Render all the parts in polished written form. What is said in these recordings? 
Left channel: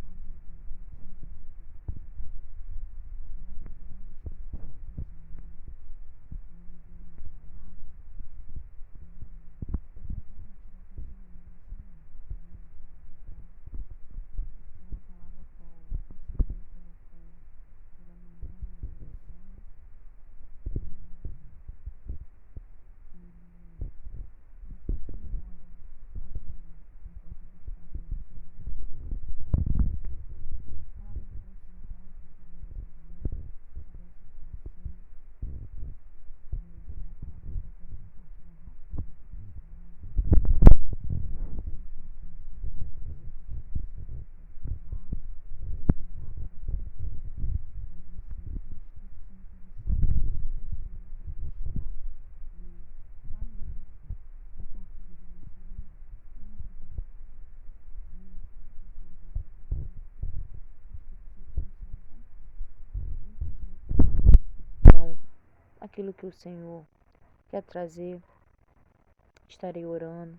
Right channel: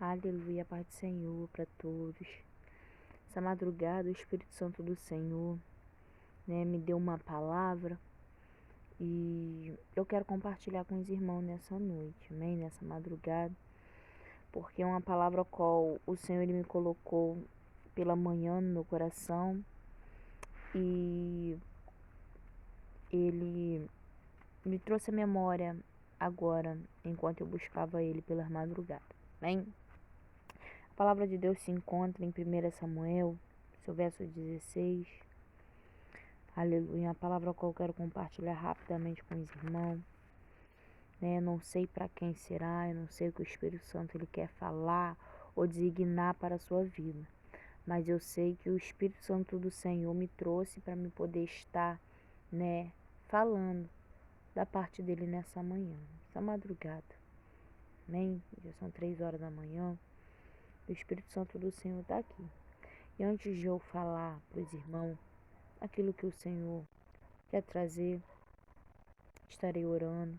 Aleluia, Pai do Senhor para todos. Essa madrugada, o Espírito Santo do Senhor, me deu uma palavra e eu quero compartilhar com os irmãos nessa noite, amém? Nessa madrugada, porque é uma palavra qual o Senhor ele me colocou pela manhã no meu coração e ele me trouxe a memória agora, enquanto eu buscava ele pela madrugada, amém? A palavra de Deus se encontra em 1 Samuel, seu verso 16. Aleluia. A palavra que eu quero compartilhar rapidamente com os irmãos. Não sei para quem será, eu não sei o que o Espírito Santo ele quer falar ou designar para a sua vida. Mas eu sei que o Espírito Santo do Senhor me trouxe para me poder estar, falando da parte dele nessa manhã, essa madrugada. Amém? Já são 3 horas da manhã. O Espírito Santo do Senhor está aqui. E antes de eu falar para os irmãos aquilo que o Senhor quer trazer, estarei orando,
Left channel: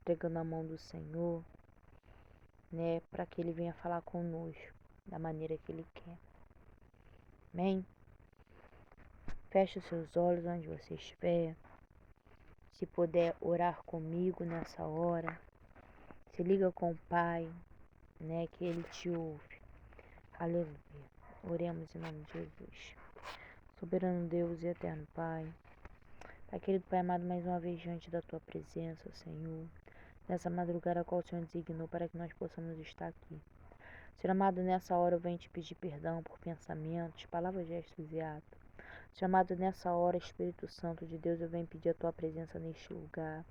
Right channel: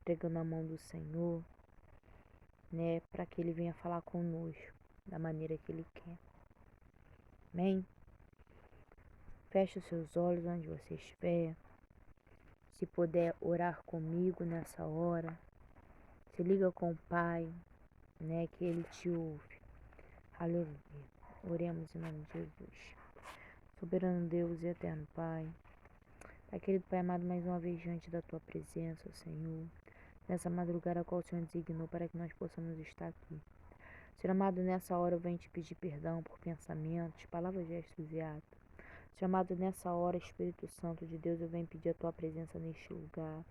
entregando a mão do Senhor, para que Ele venha falar conosco da maneira que Ele quer. Amém? Feche os seus olhos onde você estiver. Se puder orar comigo nessa hora, se liga com o Pai, que Ele te ouve. Aleluia. Oremos em nome de Jesus. Soberano Deus e eterno Pai, Pai querido Pai amado, mais uma vez diante da Tua presença, Senhor, nessa madrugada a qual o Senhor designou para que nós possamos estar aqui. Senhor amado, nessa hora eu venho te pedir perdão por pensamentos, palavras, gestos e atos. Senhor amado, nessa hora, Espírito Santo de Deus, eu venho pedir a Tua presença neste lugar.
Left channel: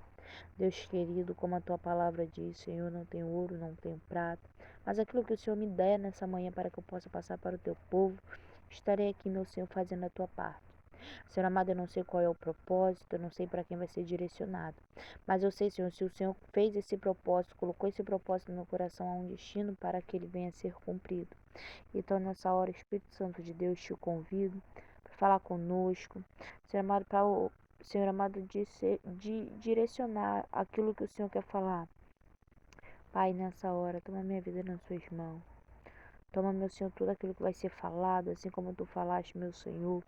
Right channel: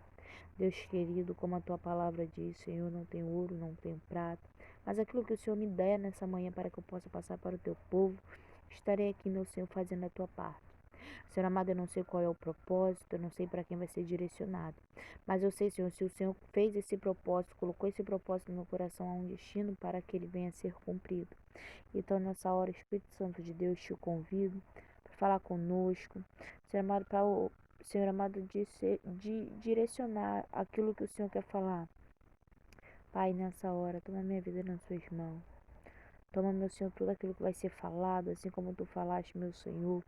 Deus querido, como a Tua palavra diz, Senhor, não tenho ouro, não tenho prata, mas aquilo que o Senhor me der nessa manhã para que eu possa passar para o Teu povo, estarei aqui, meu Senhor, fazendo a Tua parte. Senhor amado, eu não sei qual é o propósito, eu não sei para quem vai ser direcionado, mas eu sei, Senhor, se o Senhor fez esse propósito, colocou esse propósito no meu coração, há um destino para que ele venha a ser cumprido. Então, nessa hora, Espírito Santo de Deus, te convido para falar conosco, Senhor amado, para o Senhor amado, de direcionar aquilo que o Senhor quer falar. Pai, nessa hora, toma minha vida nas suas mãos. Toma, meu Senhor, tudo aquilo que vai ser falado, assim como tu falaste, meu Senhor,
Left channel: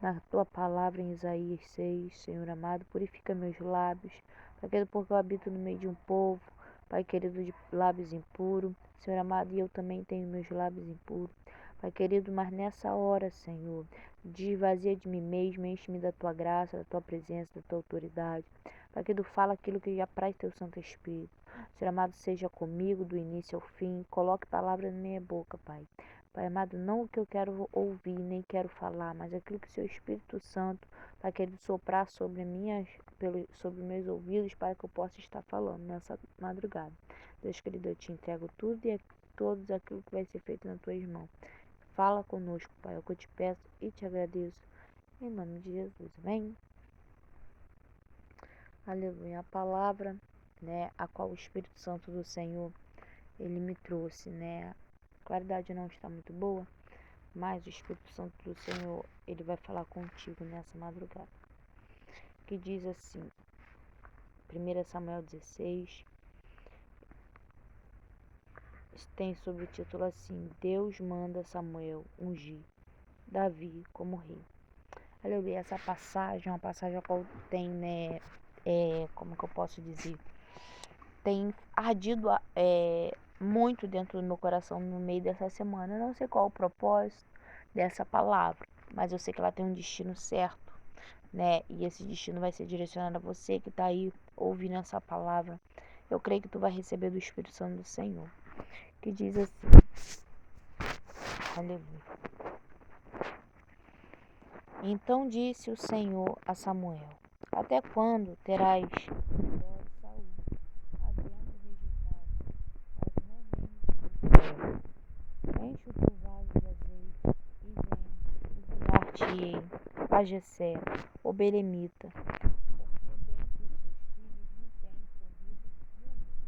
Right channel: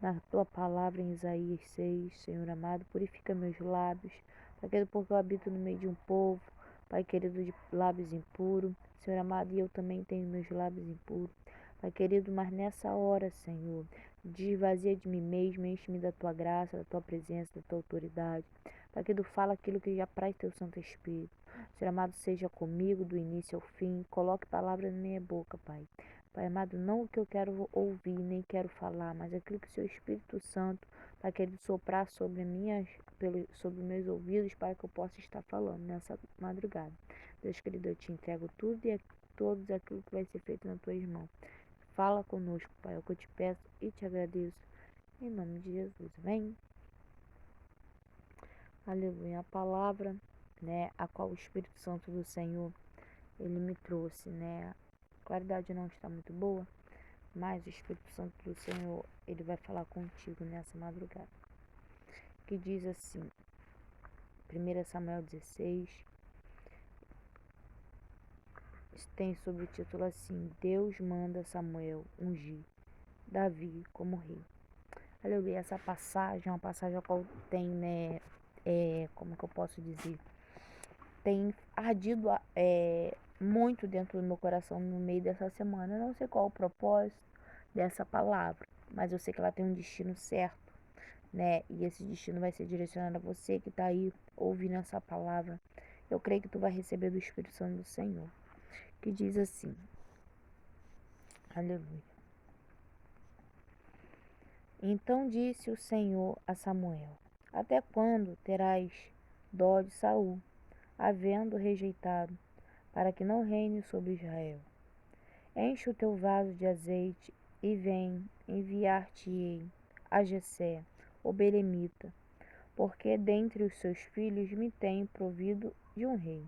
na tua palavra em Isaías 6, Senhor amado, purifica meus lábios, Pai querido, porque eu habito no meio de um povo, Pai querido, de lábios impuros, Senhor amado, e eu também tenho meus lábios impuros, Pai querido, mas nessa hora, Senhor, desvazia de mim mesmo, enche-me da tua graça, da tua presença, da tua autoridade, Pai querido, fala aquilo que já apraz teu Santo Espírito, Senhor amado, seja comigo do início ao fim, coloque palavras na minha boca, Pai. Pai amado, não o que eu quero ouvir, nem quero falar, mas aquilo que o seu Espírito Santo vai querer soprar sobre meus ouvidos para que eu possa estar falando nessa madrugada. Deus querido, eu te entrego tudo e todos aquilo que vai ser feito nas tuas mãos. Fala conosco, Pai, é o que eu te peço e te agradeço. Em nome de Jesus, amém? Aleluia. A palavra, a qual o Espírito Santo do Senhor, ele me trouxe, A claridade não está muito boa, mas o Espírito Santo do Senhor, ele vai falar contigo nessa madrugada. Que diz assim, 1 Samuel 16, tem sobre o título assim, Deus manda Samuel ungir Davi como rei. Aleluia, essa passagem é uma passagem a qual tem, como que eu posso dizer, tem ardido muito dentro do meu coração no meio dessa semana. Eu não sei qual é o propósito dessa palavra, mas eu sei que ela tem um destino certo, e esse destino vai ser direcionado a você que está aí ouvindo essa palavra. Eu creio que tu vai receber do Espírito Santo do Senhor, que diz assim, aleluia. Então disse o Senhor a Samuel, até quando terás dó de Saul, havendo rejeitado, para que não reine sobre Israel? Enche o teu vaso de azeite e vem enviar-te-ei a Jessé, o belemita, porque dentre os seus filhos me tem provido de um rei.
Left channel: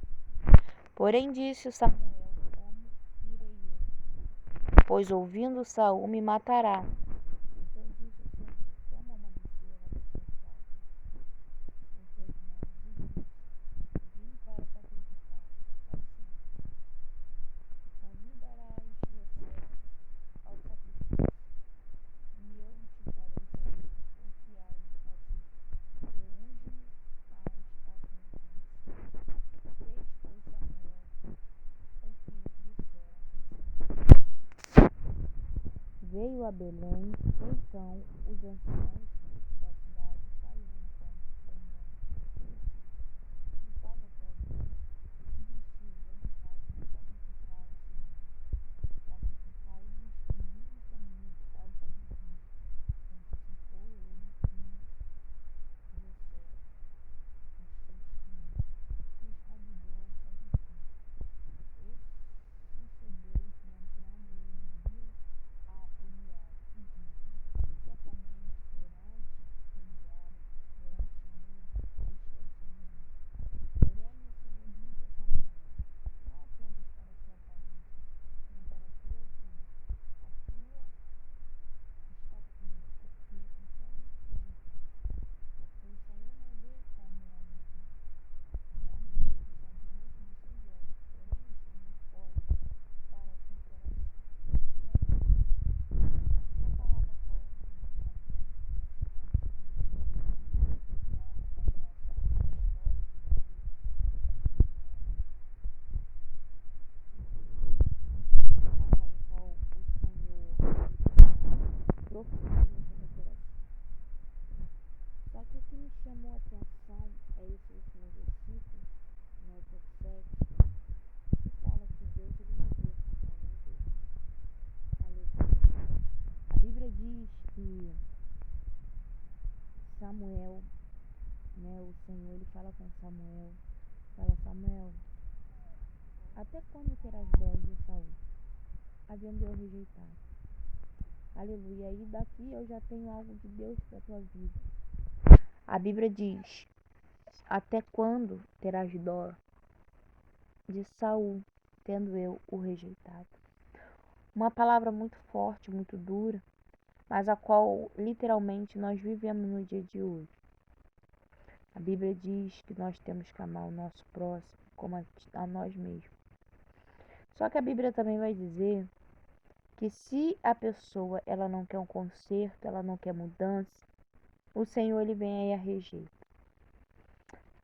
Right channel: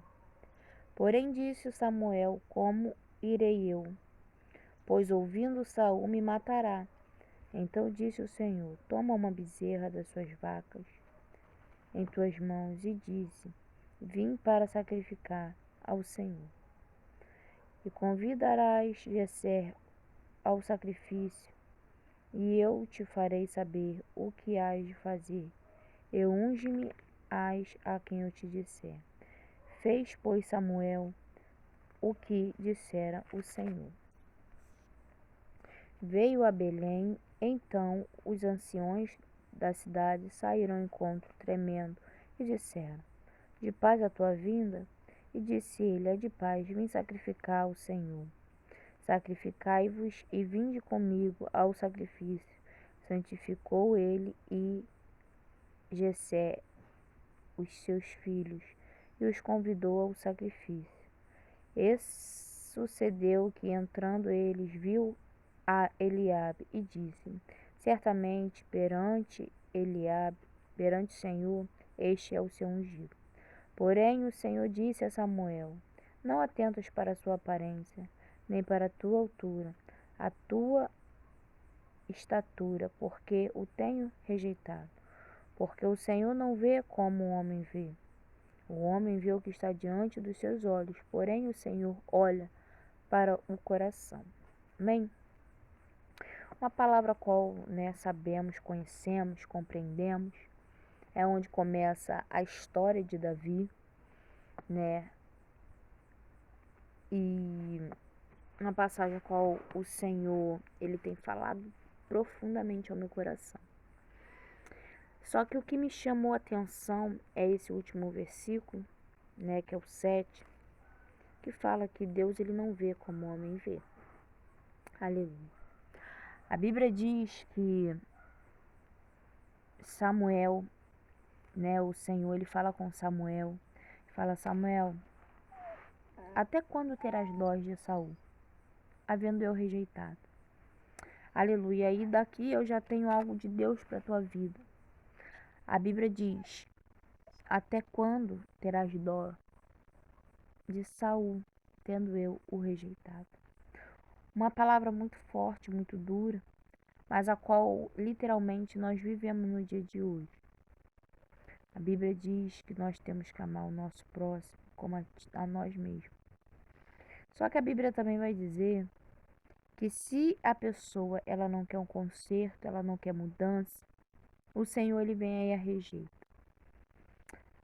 Porém disse Samuel, como irei eu? Pois ouvindo Saul me matará. Então disse o Senhor, toma uma bezerra das suas vacas em tuas mãos e disse, vim para sacrificar ao Senhor. e convidarás Jessé ao sacrifício, e eu te farei saber o que hás de fazer, e unge-me-ás a quem eu te disser. Fez, pois, Samuel o que dissera o Senhor. Veio a Belém, então os anciões da cidade saíram ao encontro tremendo e disseram: De paz a tua vinda? E disse ele: É de paz, vim sacrificar ao Senhor. Sacrificai-vos e vinde comigo ao sacrifício. Santificou ele e Jessé os seus filhos e os convidou ao sacrifício. E sucedeu que, entrando eles, viu a Eliabe e disse: Certamente perante Eliabe, perante o Senhor, este é o seu ungido. Porém o Senhor disse a Samuel: Não atentas para a sua aparência, nem para a tua altura, a tua estatura, porque o tenho rejeitado. Porque o Senhor não vê como o homem vê. O homem vê o que está diante dos seus olhos, porém o Senhor olha para o coração. Amém? Uma palavra qual sabemos, conhecemos, compreendemos, é onde começa a história de Davi, e uma passagem qual o Senhor ele tem falado profundamente ao meu coração. Só que o que me chamou a atenção é esse último versículo, que é o 7, que fala que Deus ele não vê como o homem vê. Aleluia. A Bíblia diz que Samuel, o Senhor ele fala com Samuel, fala: Samuel, até quando terás dó de Saul, havendo eu rejeitado? Aleluia. E daqui eu já tenho algo de Deus para a tua vida. A Bíblia diz: até quando terás dó de Saul, tendo eu o rejeitado? Uma palavra muito forte, muito dura, mas a qual literalmente nós vivemos no dia de hoje. A Bíblia diz que nós temos que amar o nosso próximo como a nós mesmos. Só que a Bíblia também vai dizer que se a pessoa ela não quer um conserto, ela não quer mudança, o Senhor ele vem aí e a rejeita.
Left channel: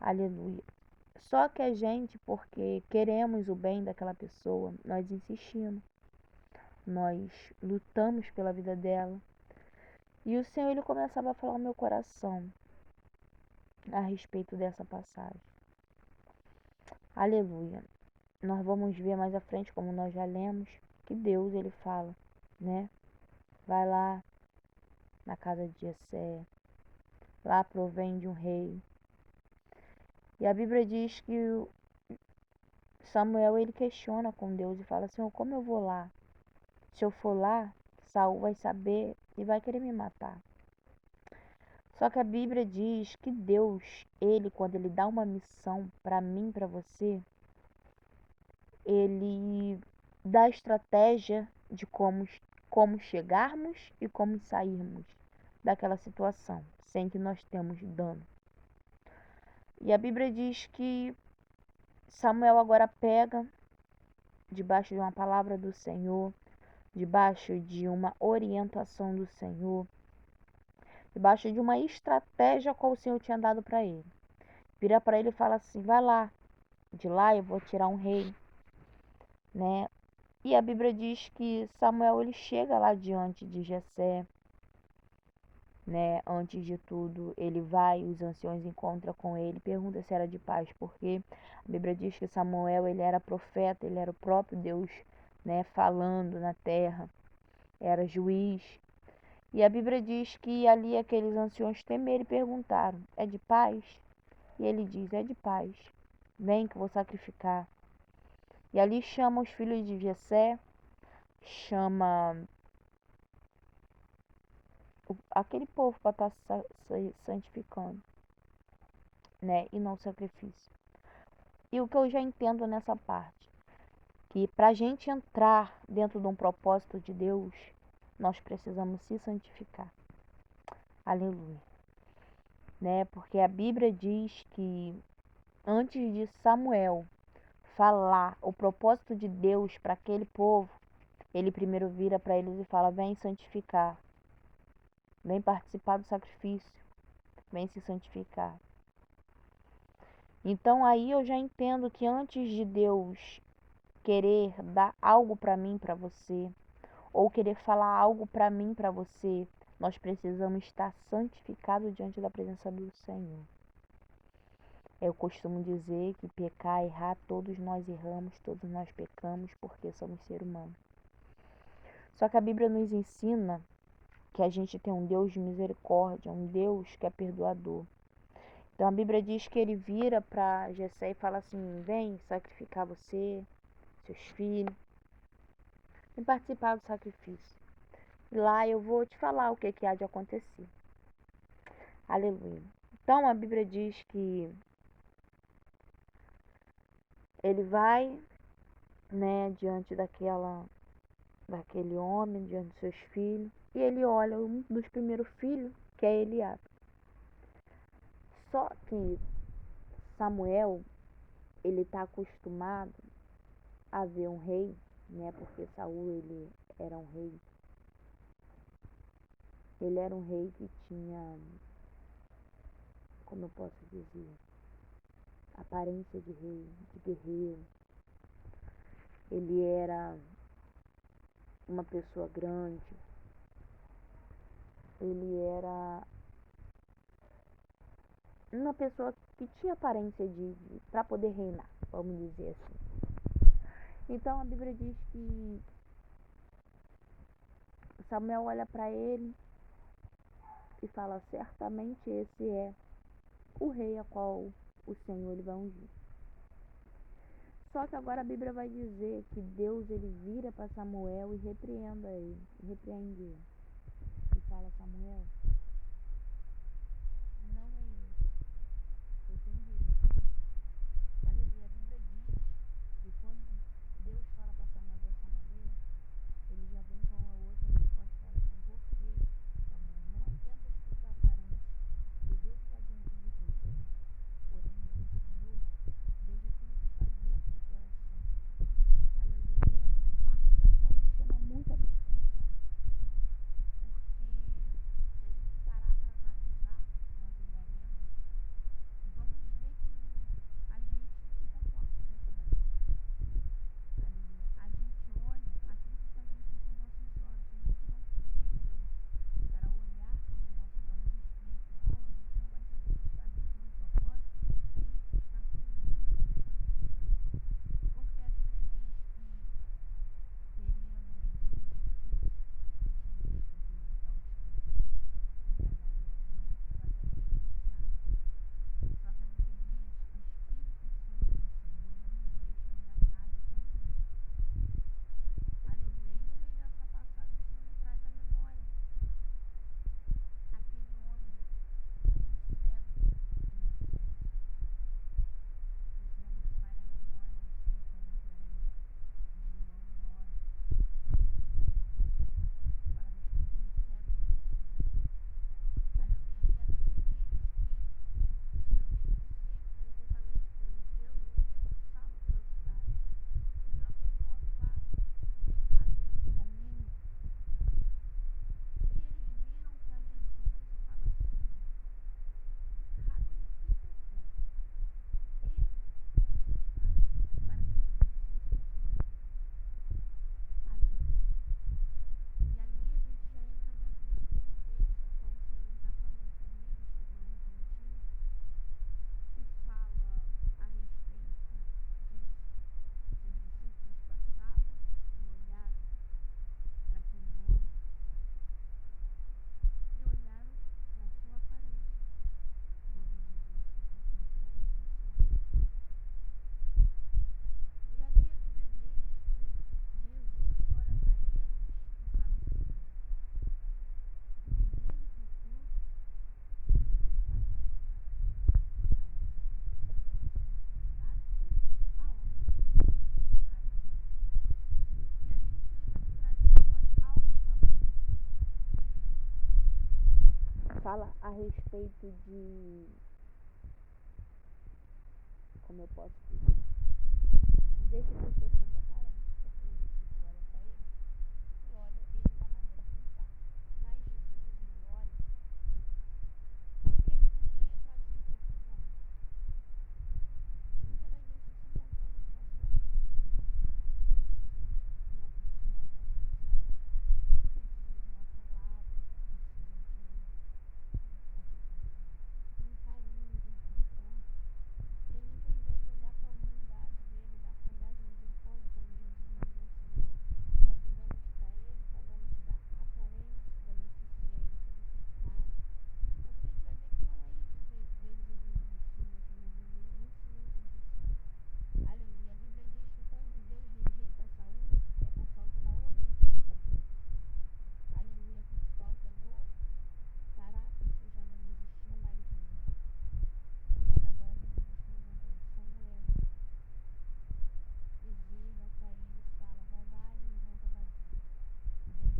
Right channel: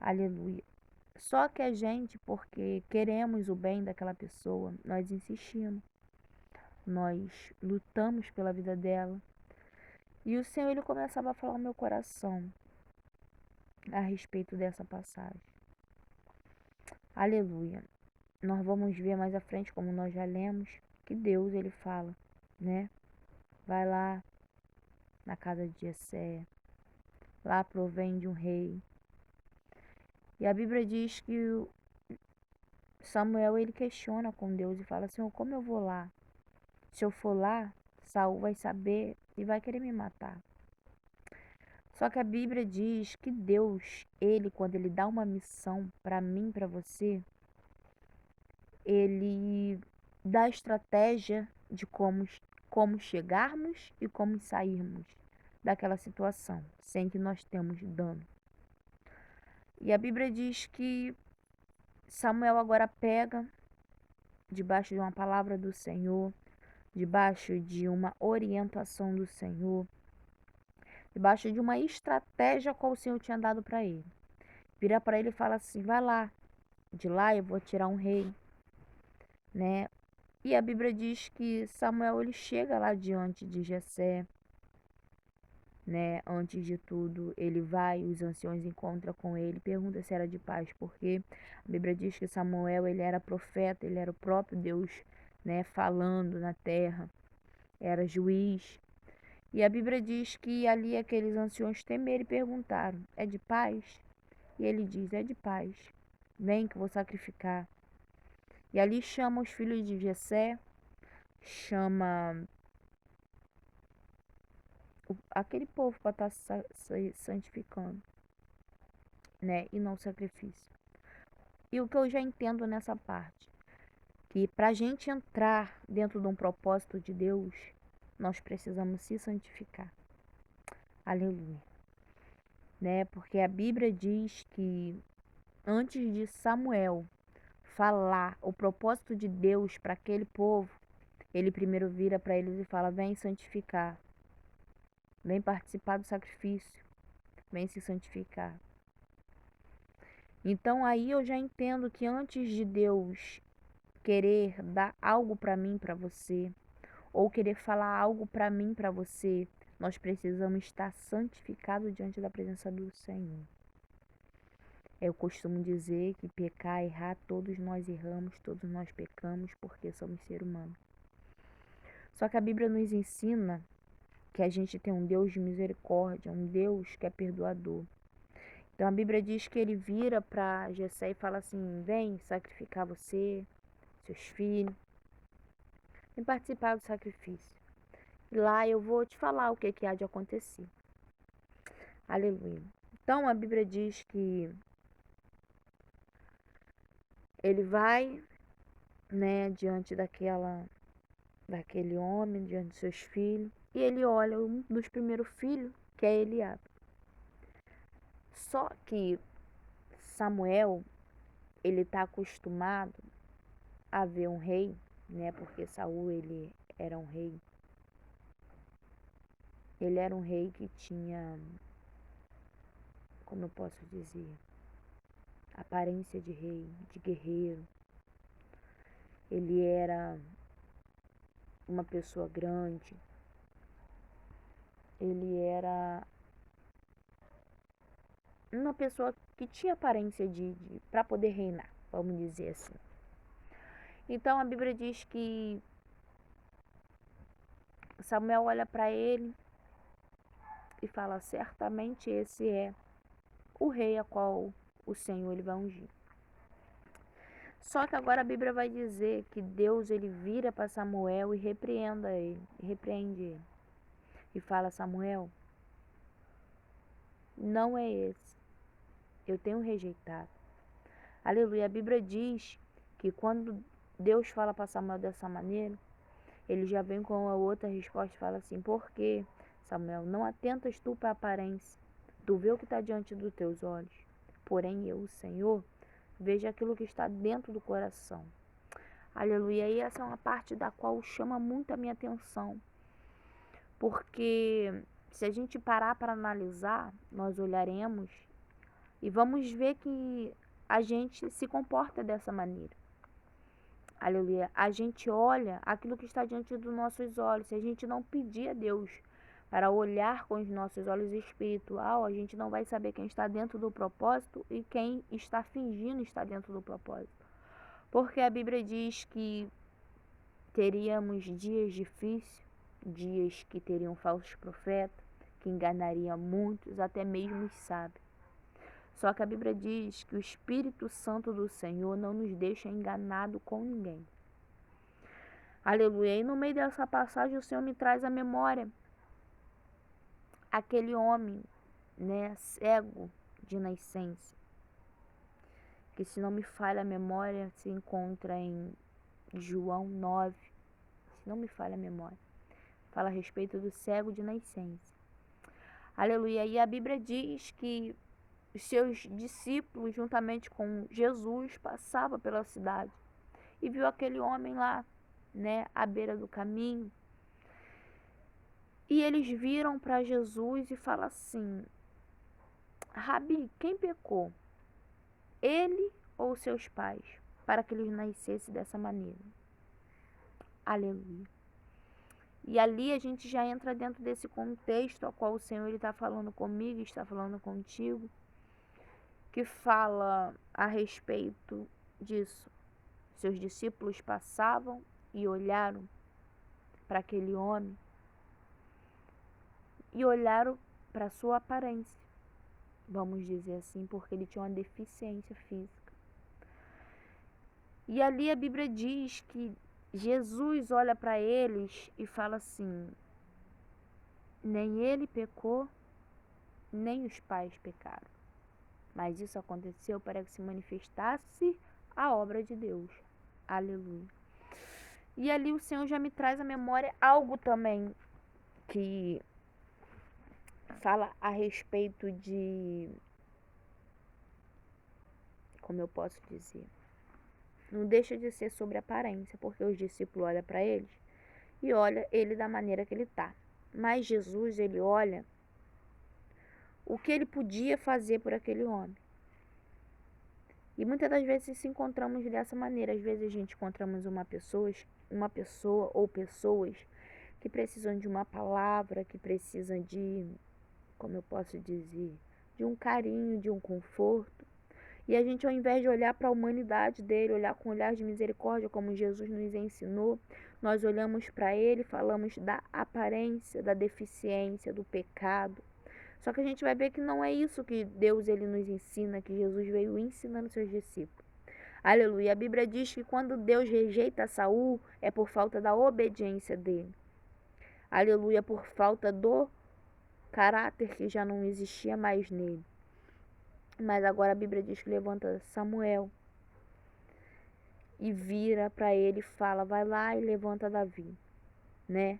Aleluia. Só que a gente, porque queremos o bem daquela pessoa, nós insistimos, nós lutamos pela vida dela. E o Senhor ele começava a falar no meu coração a respeito dessa passagem. Aleluia. Nós vamos ver mais à frente, como nós já lemos, que Deus ele fala, vai lá na casa de Jessé, lá provém de um rei. E a Bíblia diz que Samuel ele questiona com Deus e fala: Senhor, como eu vou lá? Se eu for lá, Saul vai saber e vai querer me matar. Só que a Bíblia diz que Deus, ele quando ele dá uma missão para mim, para você, ele dá estratégia de como chegarmos e como sairmos daquela situação, sem que nós tenhamos dano. E a Bíblia diz que Samuel agora pega, debaixo de uma palavra do Senhor, debaixo de uma orientação do Senhor, debaixo de uma estratégia qual o Senhor tinha dado para ele. Vira para ele e fala assim: vai lá, de lá eu vou tirar um rei, E a Bíblia diz que Samuel ele chega lá diante de Jessé, Antes de tudo, ele vai, os anciões encontram com ele, pergunta se era de paz, porque a Bíblia diz que Samuel ele era profeta, ele era o próprio Deus, falando na terra, era juiz. E a Bíblia diz que ali aqueles anciões temeram e perguntaram: é de paz? E ele diz: é de paz, vem que eu vou sacrificar. E ali chama os filhos de Jessé, chama aquele povo para estar santificando, e não sacrifício. E o que eu já entendo nessa parte, que para a gente entrar dentro de um propósito de Deus, nós precisamos se santificar. Aleluia. Porque a Bíblia diz que antes de Samuel falar o propósito de Deus para aquele povo, ele primeiro vira para eles e fala: vem santificar, vem participar do sacrifício, vem se santificar. Então aí eu já entendo que antes de Deus querer dar algo para mim, para você, ou querer falar algo para mim, para você, nós precisamos estar santificados diante da presença do Senhor. Eu costumo dizer que pecar, errar, todos nós erramos, todos nós pecamos, porque somos seres humanos. Só que a Bíblia nos ensina que a gente tem um Deus de misericórdia, um Deus que é perdoador. Então a Bíblia diz que ele vira para Jessé e fala assim: vem sacrificar você, seus filhos, vem participar do sacrifício. E lá eu vou te falar o que há de acontecer. Aleluia. Então a Bíblia diz que ele vai, né, diante daquele homem, diante de seus filhos, e ele olha um dos primeiros filhos, que é Eliabe. Só que Samuel, ele está acostumado a ver um rei, né? Porque Saul, ele era um rei. Ele era um rei que tinha, como eu posso dizer, aparência de rei, de guerreiro. Ele era uma pessoa grande. Ele era uma pessoa que tinha aparência de para poder reinar, vamos dizer assim. Então a Bíblia diz que Samuel olha para ele e fala: certamente esse é o rei a qual o Senhor ele vai ungir. Só que agora a Bíblia vai dizer que Deus ele vira para Samuel e repreende ele. E fala: Samuel, não é esse. Eu tenho rejeitado. Aleluia. A Bíblia diz que quando Deus fala para Samuel dessa maneira, ele já vem com a outra resposta e fala assim: por que, Samuel, não atentas tu para a aparência? Tu vê o que está diante dos teus olhos. Porém eu, o Senhor, vejo aquilo que está dentro do coração. Aleluia. E essa é uma parte da qual chama muito a minha atenção. Porque se a gente parar para analisar, nós olharemos e vamos ver que a gente se comporta dessa maneira. Aleluia. A gente olha aquilo que está diante dos nossos olhos. Se a gente não pedir a Deus para olhar com os nossos olhos espiritual, a gente não vai saber quem está dentro do propósito e quem está fingindo estar dentro do propósito. Porque a Bíblia diz que teríamos dias difíceis, dias que teriam falsos profetas, que enganariam muitos, até mesmo os sábios. Só que a Bíblia diz que o Espírito Santo do Senhor não nos deixa enganado com ninguém. Aleluia. E no meio dessa passagem o Senhor me traz à memória aquele homem, né, cego de nascença, que se não me falha a memória se encontra em João 9, se não me falha a memória, fala a respeito do cego de nascença. Aleluia. E a Bíblia diz que os seus discípulos, juntamente com Jesus, passavam pela cidade e viu aquele homem lá, né, à beira do caminho. E eles viram para Jesus e falam assim: Rabi, quem pecou? Ele ou seus pais? Para que eles nascessem dessa maneira. Aleluia. E ali a gente já entra dentro desse contexto ao qual o Senhor está falando comigo, está falando contigo, que fala a respeito disso. Seus discípulos passavam e olharam para aquele homem e olharam para a sua aparência, vamos dizer assim, porque ele tinha uma deficiência física. E ali a Bíblia diz que Jesus olha para eles e fala assim: nem ele pecou, nem os pais pecaram, mas isso aconteceu para que se manifestasse a obra de Deus. Aleluia. E ali o Senhor já me traz à memória algo também que fala a respeito de, como eu posso dizer, não deixa de ser sobre aparência, porque os discípulos olham para eles e olham ele da maneira que ele está. Mas Jesus, ele olha o que ele podia fazer por aquele homem. E muitas das vezes se encontramos dessa maneira. Às vezes a gente encontramos uma pessoa ou pessoas que precisam de uma palavra, que precisam de, como eu posso dizer, de um carinho, de um conforto. E a gente, ao invés de olhar para a humanidade dele, olhar com um olhar de misericórdia, como Jesus nos ensinou, nós olhamos para ele, falamos da aparência, da deficiência, do pecado. Só que a gente vai ver que não é isso que Deus ele nos ensina, que Jesus veio ensinando seus discípulos. Aleluia. A Bíblia diz que quando Deus rejeita Saul, é por falta da obediência dele. Aleluia, por falta do caráter que já não existia mais nele. Mas agora a Bíblia diz que levanta Samuel e vira para ele e fala, vai lá e levanta Davi, né?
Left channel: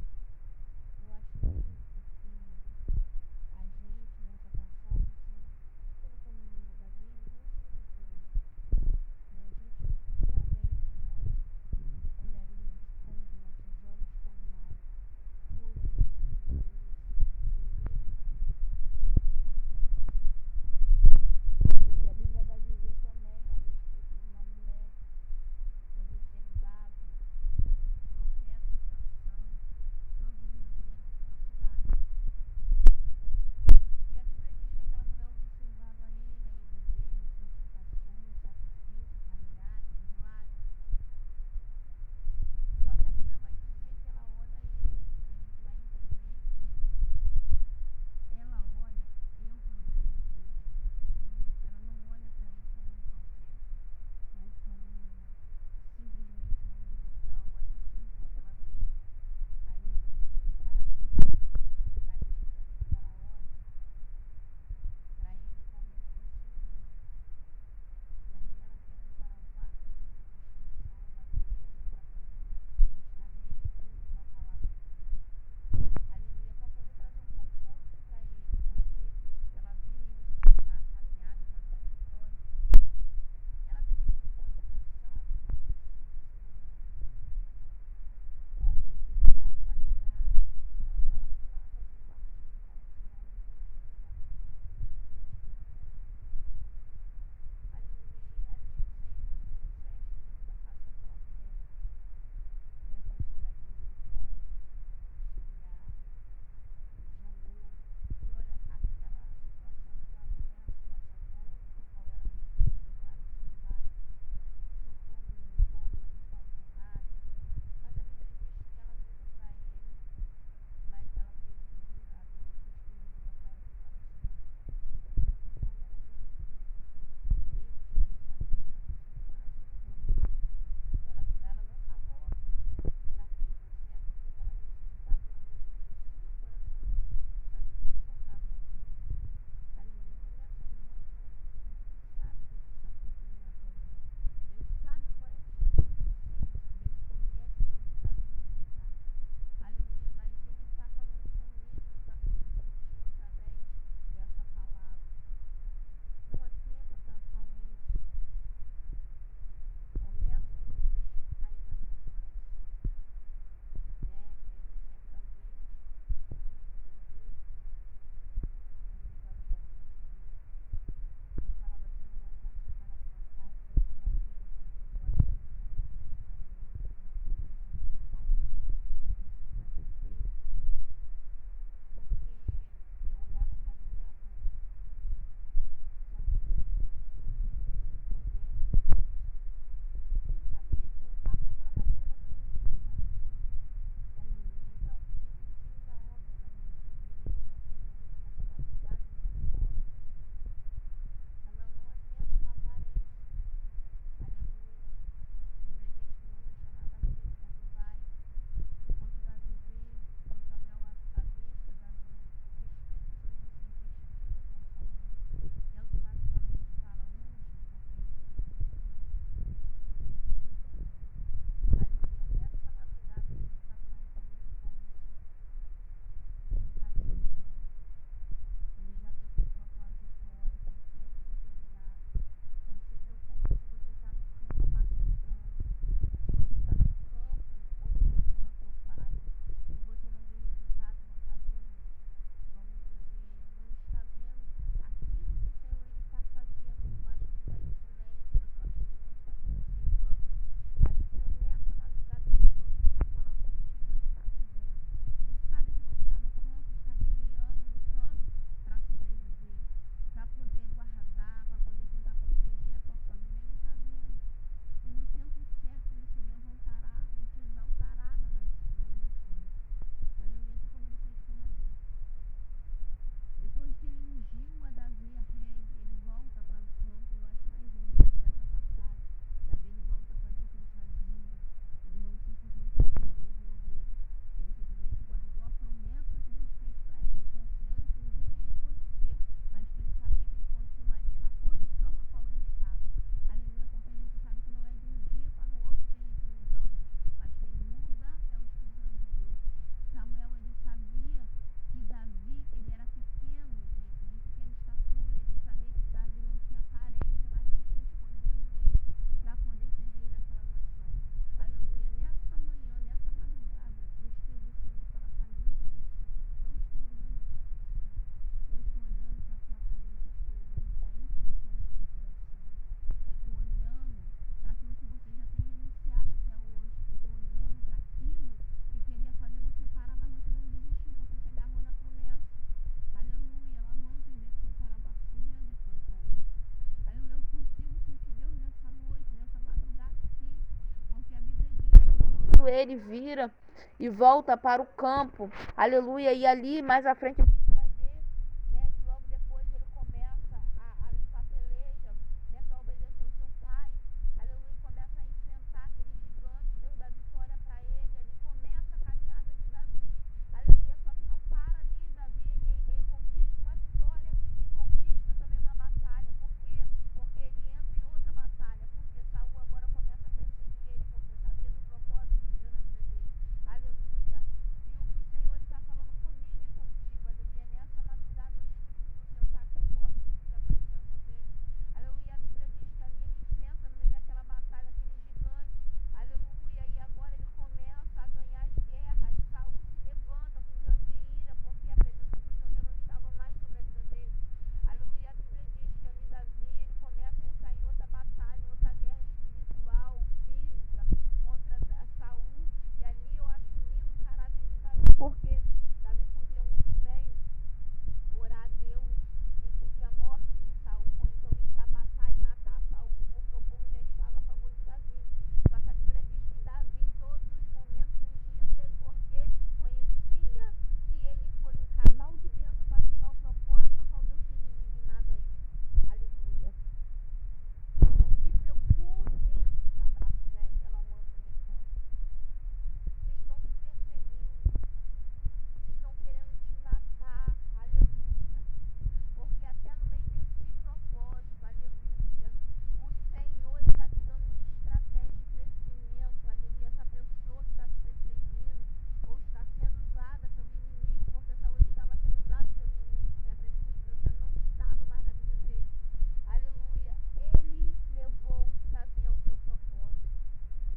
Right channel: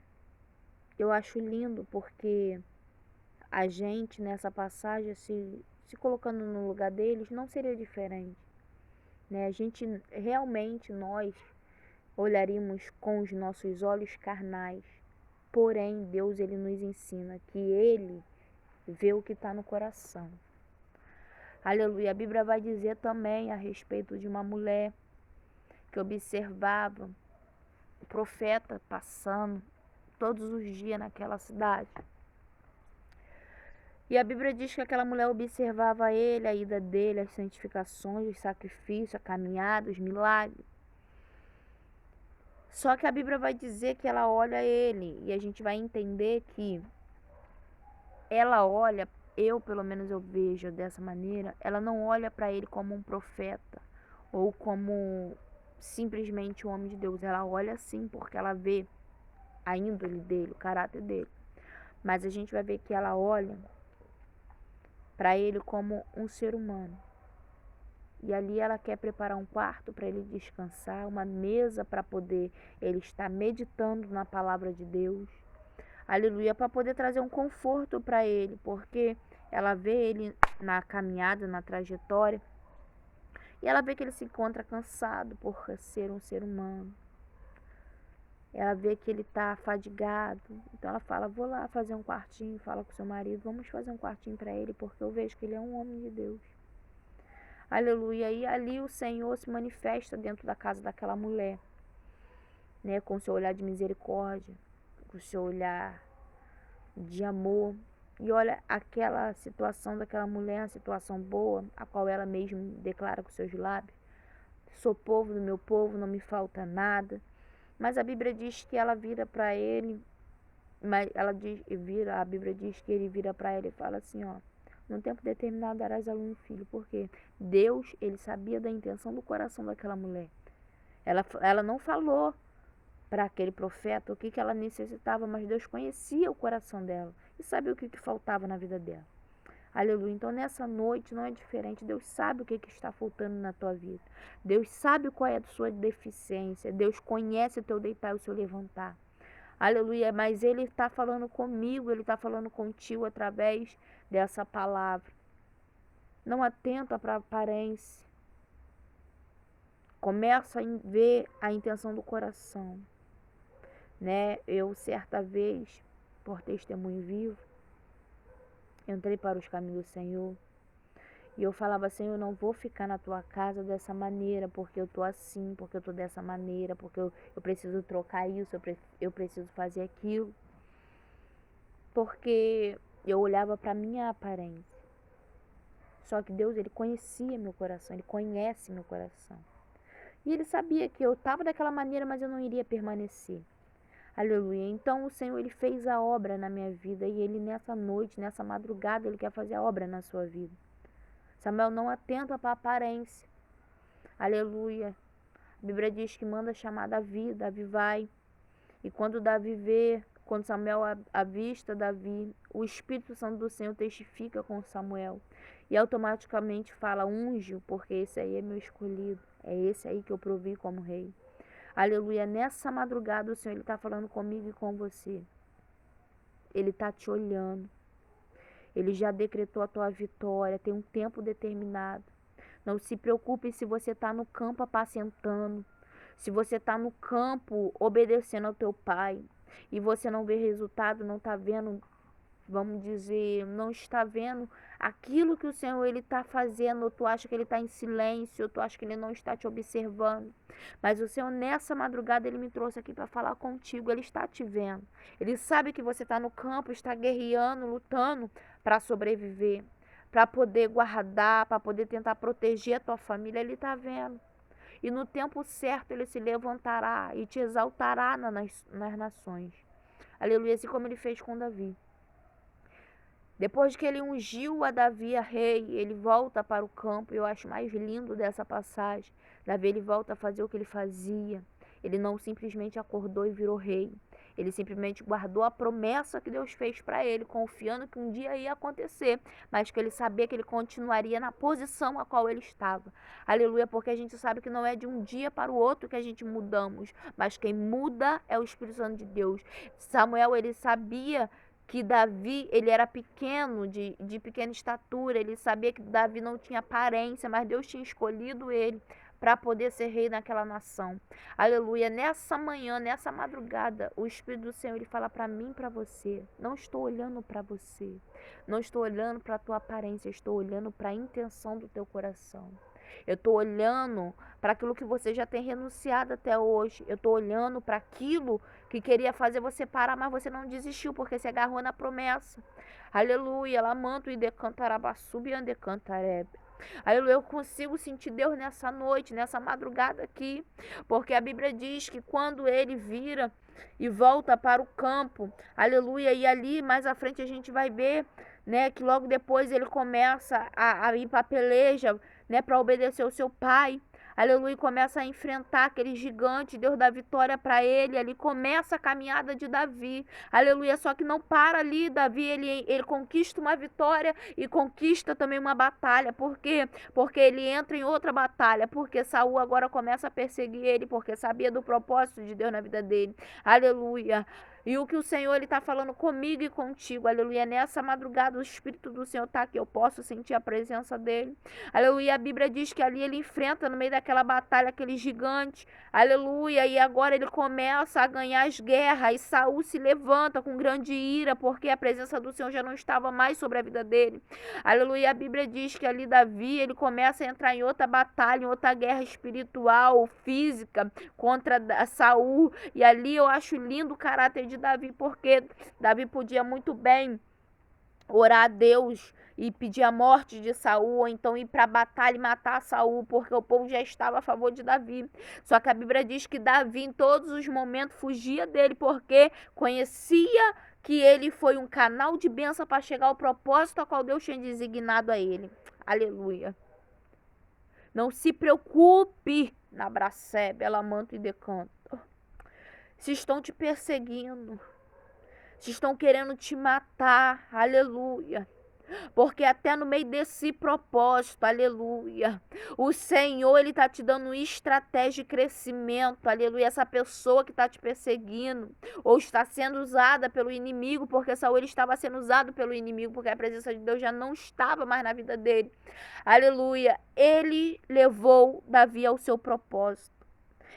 Eu acho lindo porque a gente nessa passagem, se colocando no lugar deles, não seria diferente, né? A gente realmente, nós olharíamos com os nossos olhos carnais, porém Deus ele nos ensina que ele vê o que está no coração. Aleluia. A Bíblia vai dizer também a respeito de uma mulher que observava o profeta passando todos os dias naquela cidade. E a Bíblia diz que aquela mulher observava ele, a ida dele, as santificações, os sacrifícios, a caminhada, os milagres. Só que a Bíblia vai dizer que ela olha ele e a gente vai entender que ela olha, eu pelo menos eu vejo dessa maneira, ela não olha para ele como um profeta ou como simplesmente um homem de Deus. Ela olha sim porque ela vê a índole dele, o caráter dele. Mas a gente vai ver que ela olha para ele como um ser humano. E ali ela quer preparar um quarto para ele descansar, uma mesa para poder ele estar meditando na palavra de Deus. Aleluia, para poder trazer um conforto para ele, porque ela vê ele na caminhada, na trajetória, e ela vê que ele se encontra cansado por ser um ser humano. Ela vê que ele está fadigado, então ela fala, vou lá fazer um quartinho, fala com seu marido, vamos fazer um quartinho para ele, porque eu vejo que ele é um homem de Deus. Aleluia, e ali o Senhor se manifesta dentro da casa daquela mulher, né, com seu olhar de misericórdia, com seu olhar de amor. E olha aquela situação daquela mulher, uma situação boa, a qual ela mesma declara com seus lábios. Sou povo do meu povo, não me falta nada. Mas a Bíblia diz que ela vira para ele, a Bíblia diz que ele vira para ela e fala assim, ó, num tempo determinado darás a luz um filho, porque Deus, ele sabia da intenção do coração daquela mulher. Ela não falou para aquele profeta o que ela necessitava, mas Deus conhecia o coração dela e sabia o que faltava na vida dela. Aleluia. Então nessa noite não é diferente. Deus sabe o que está faltando na tua vida. Deus sabe qual é a sua deficiência. Deus conhece o teu deitar e o seu levantar. Aleluia. Mas Ele está falando comigo, Ele está falando contigo através dessa palavra. Não atenta para a aparência. Começa a ver a intenção do coração. Né? Eu certa vez, por testemunho vivo, entrei para os caminhos do Senhor e eu falava, Senhor, eu não vou ficar na tua casa dessa maneira, porque eu tô assim, porque eu tô dessa maneira, porque eu preciso trocar isso, eu preciso fazer aquilo, porque eu olhava para minha aparência. Só que Deus, ele conhecia meu coração, ele conhece meu coração, e ele sabia que eu estava daquela maneira, mas eu não iria permanecer. Aleluia. Então o Senhor, ele fez a obra na minha vida, e ele nessa noite, nessa madrugada, ele quer fazer a obra na sua vida. Samuel não atenta para a aparência. Aleluia. A Bíblia diz que manda chamar Davi. Davi vai. E quando Davi vê, quando Samuel avista Davi, o Espírito Santo do Senhor testifica com Samuel. E automaticamente fala, unge-o, porque esse aí é meu escolhido. É esse aí que eu provi como rei. Aleluia. Nessa madrugada o Senhor, ele está falando comigo e com você. Ele está te olhando. Ele já decretou a tua vitória. Tem um tempo determinado. Não se preocupe se você está no campo apacentando, se você está no campo obedecendo ao teu pai e você não vê resultado, não está vendo, vamos dizer, não está vendo aquilo que o Senhor ele está fazendo, ou tu acha que ele está em silêncio, ou tu acha que ele não está te observando. Mas o Senhor nessa madrugada ele me trouxe aqui para falar contigo, ele está te vendo. Ele sabe que você está no campo, está guerreando, lutando para sobreviver, para poder guardar, para poder tentar proteger a tua família, ele está vendo. E no tempo certo ele se levantará e te exaltará nas nações. Aleluia, assim como ele fez com Davi. Depois que ele ungiu a Davi a rei, ele volta para o campo. Eu acho mais lindo dessa passagem. Davi ele volta a fazer o que ele fazia. Ele não simplesmente acordou e virou rei. Ele simplesmente guardou a promessa que Deus fez para ele, confiando que um dia ia acontecer, mas que ele sabia que ele continuaria na posição a qual ele estava. Aleluia, porque a gente sabe que não é de um dia para o outro que a gente mudamos, mas quem muda é o Espírito Santo de Deus. Samuel, ele sabia que Davi, ele era pequeno, de pequena estatura, ele sabia que Davi não tinha aparência, mas Deus tinha escolhido ele para poder ser rei naquela nação. Aleluia, nessa manhã, nessa madrugada, o Espírito do Senhor, ele fala para mim, para você, não estou olhando para você, não estou olhando para a tua aparência, estou olhando para a intenção do teu coração. Eu estou olhando para aquilo que você já tem renunciado até hoje. Eu estou olhando para aquilo que queria fazer você parar, mas você não desistiu, porque você agarrou na promessa. Aleluia, lamanto e decantarabassubi e decantarebe. Aleluia, eu consigo sentir Deus nessa noite, nessa madrugada aqui, porque a Bíblia diz que quando ele vira e volta para o campo, aleluia, e ali mais à frente a gente vai ver, né, que logo depois ele começa a ir para a peleja, né, para obedecer o seu pai. Aleluia, começa a enfrentar aquele gigante, Deus dá vitória para ele, ali começa a caminhada de Davi, aleluia, só que não para ali, Davi, ele conquista uma vitória e conquista também uma batalha, por quê? Porque ele entra em outra batalha, porque Saul agora começa a perseguir ele, porque sabia do propósito de Deus na vida dele, aleluia. E o que o Senhor ele está falando comigo e contigo, aleluia, nessa madrugada o Espírito do Senhor está aqui, eu posso sentir a presença dele, aleluia, a Bíblia diz que ali ele enfrenta no meio daquela batalha aquele gigante, aleluia, e agora ele começa a ganhar as guerras, e Saul se levanta com grande ira, porque a presença do Senhor já não estava mais sobre a vida dele, aleluia, a Bíblia diz que ali Davi, ele começa a entrar em outra batalha, em outra guerra espiritual, física, contra Saul, e ali eu acho lindo o caráter de Davi, porque Davi podia muito bem orar a Deus e pedir a morte de Saul, ou então ir para a batalha e matar Saul, porque o povo já estava a favor de Davi. Só que a Bíblia diz que Davi em todos os momentos fugia dele, porque conhecia que ele foi um canal de bênção para chegar ao propósito a qual Deus tinha designado a ele. Aleluia. Não se preocupe na bracebe, ela manto e decanto. Se estão te perseguindo, se estão querendo te matar, aleluia, porque até no meio desse propósito, aleluia, o Senhor, ele está te dando estratégia de crescimento, aleluia, essa pessoa que está te perseguindo, ou está sendo usada pelo inimigo, porque Saul ele estava sendo usado pelo inimigo, porque a presença de Deus já não estava mais na vida dele, aleluia, ele levou Davi ao seu propósito.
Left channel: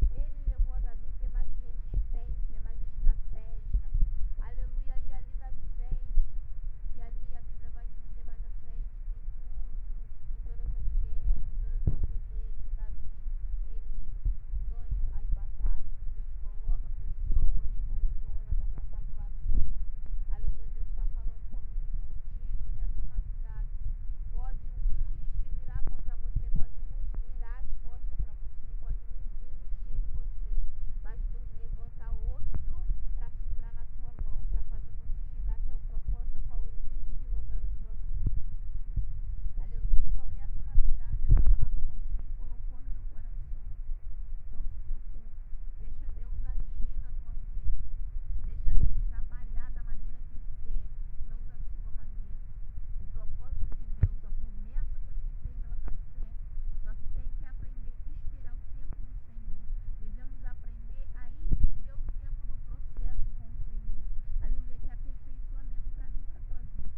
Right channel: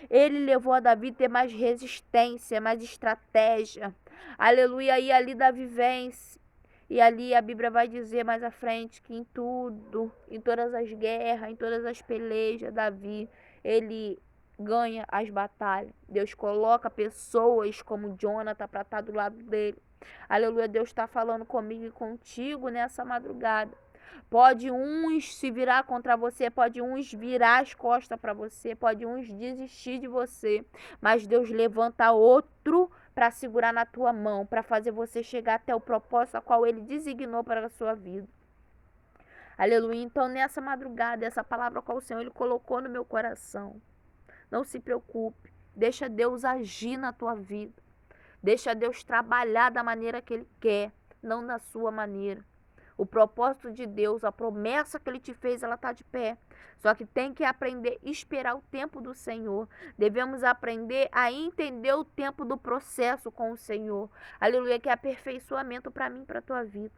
Ele levou a Davi a ter mais resistência, mais estratégia. Aleluia. E ali Davi vence. E ali a Bíblia vai dizer mais à frente que em tudo, em todas as guerras, em todas as pelejas, Davi, ele ganha as batalhas. Deus coloca pessoas como Jonathan para estar do lado dele. Aleluia. Deus está falando comigo e contigo nessa madrugada. Pode uns se virar contra você, pode uns virar as costas para você, pode uns desistir de você, mas Deus levanta outro para segurar na tua mão, para fazer você chegar até o propósito a qual Ele designou para a sua vida. Aleluia. Então nessa madrugada, essa palavra qual o Senhor Ele colocou no meu coração, não se preocupe, deixa Deus agir na tua vida, deixa Deus trabalhar da maneira que Ele quer, não da sua maneira. O propósito de Deus, a promessa que Ele te fez, ela está de pé. Só que tem que aprender a esperar o tempo do Senhor. Devemos aprender a entender o tempo do processo com o Senhor. Aleluia, que é aperfeiçoamento para mim e para a tua vida.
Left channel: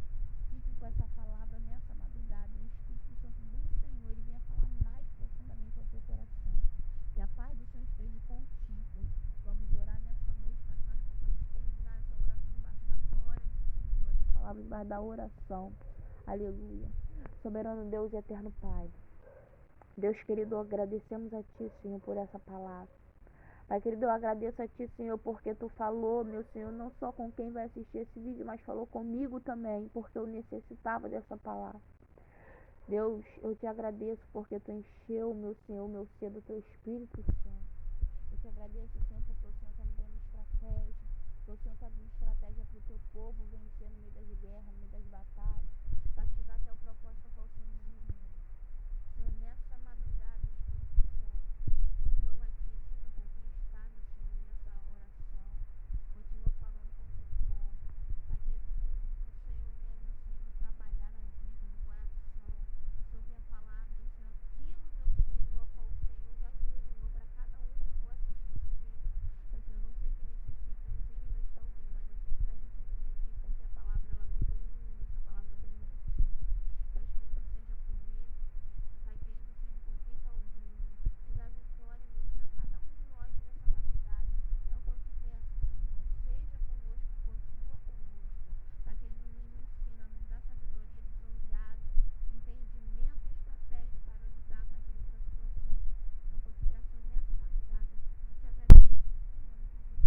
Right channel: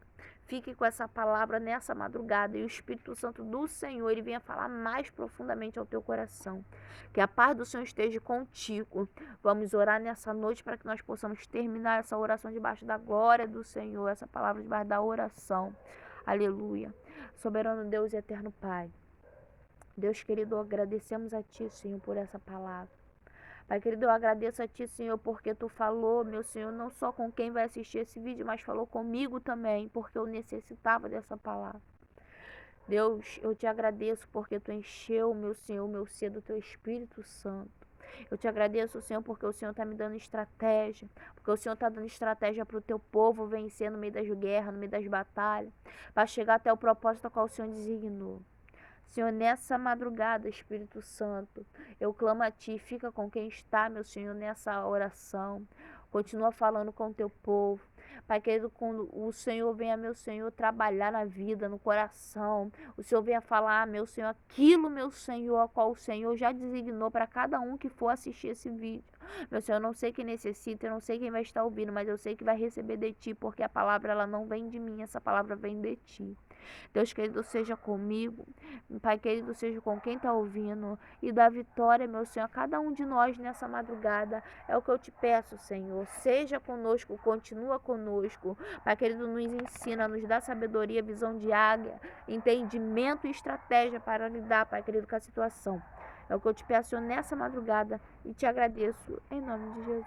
Fique com essa palavra nessa madrugada e o Espírito Santo do Senhor, ele venha falar mais profundamente ao teu coração. Que a paz do Senhor esteja contigo. Vamos orar nessa noite para que nós possamos terminar essa oração debaixo da glória do Senhor, essa palavra debaixo da oração. Aleluia. Soberano Deus e eterno Pai. Deus querido, agradecemos a Ti, Senhor, por essa palavra. Pai querido, eu agradeço a Ti, Senhor, porque Tu falou, meu Senhor, não só com quem vai assistir esse vídeo, mas falou comigo também, porque eu necessitava dessa palavra. Deus, eu Te agradeço porque Tu encheu, meu Senhor, meu ser do Teu Espírito Santo. Eu Te agradeço, Senhor, porque o Senhor está me dando estratégia, porque o Senhor está dando estratégia para o Teu povo vencer no meio das guerras, no meio das batalhas, para chegar até o propósito ao qual o Senhor designou. Senhor, nessa madrugada, Espírito Santo, eu clamo a Ti, fica com quem está, meu Senhor, nessa oração. Continua falando com o Teu povo. Pai querido, quando o Senhor venha, meu Senhor, trabalhar na vida, no coração. O Senhor venha falar, meu Senhor, aquilo, meu Senhor, a qual o Senhor já designou para cada um que for assistir esse vídeo. Meu Senhor, eu não sei quem necessita, eu não sei quem vai estar ouvindo, mas eu sei que vai receber de Ti, porque a palavra, ela não vem de mim, essa palavra vem de Ti. Deus querido, seja comigo. Pai querido, seja com quem está ouvindo. E dá vitória, meu Senhor, a cada um de nós nessa madrugada. É o que eu Te peço, Senhor. Seja conosco, continua conosco. Pai querido, nos ensina, nos dá sabedoria, visão de águia, entendimento e estratégia para lidar, Pai querido, com a situação. É o que eu Te peço nessa madrugada e Te agradeço em nome de Jesus.